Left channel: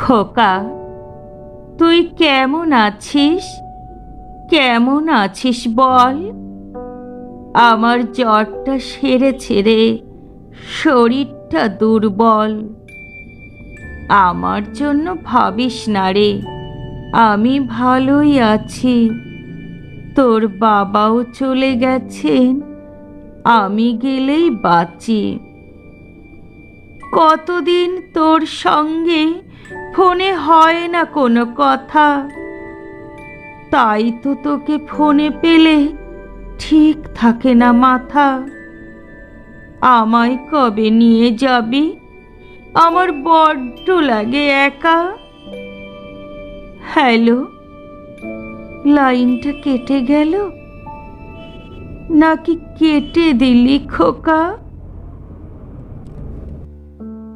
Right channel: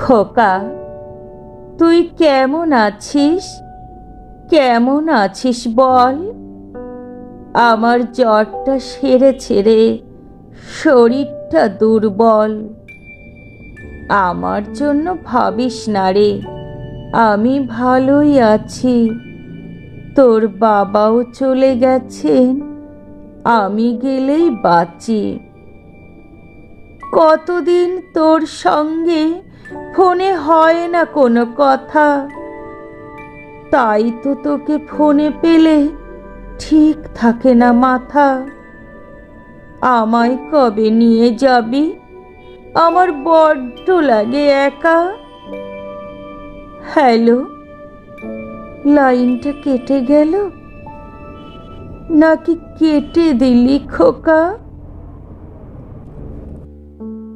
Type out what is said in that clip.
খোকা, তুই কেমন আছিস? কেমন আছিস বল? আমার জ্বরটা সেরেছে রে, শরীরটা দুর্বল। আমার জন্য ভাবিস না রে, আমি ভালোই আছি। তোর বাবাও চলে গেছেন, আমি গেলেই বাঁচি। কতদিন তোর সঙ্গে ফোনে হয় না কোনো কথা, তাই তো তোকে ফোনে পেলে ঠিক থাকে না মাথা। আমায় কবে নিয়ে যাবি? আমার বড্ড লাগে একা। হ্যালো, লাইনটা কেটে গেল নাকি কেটে দিলি খোকা?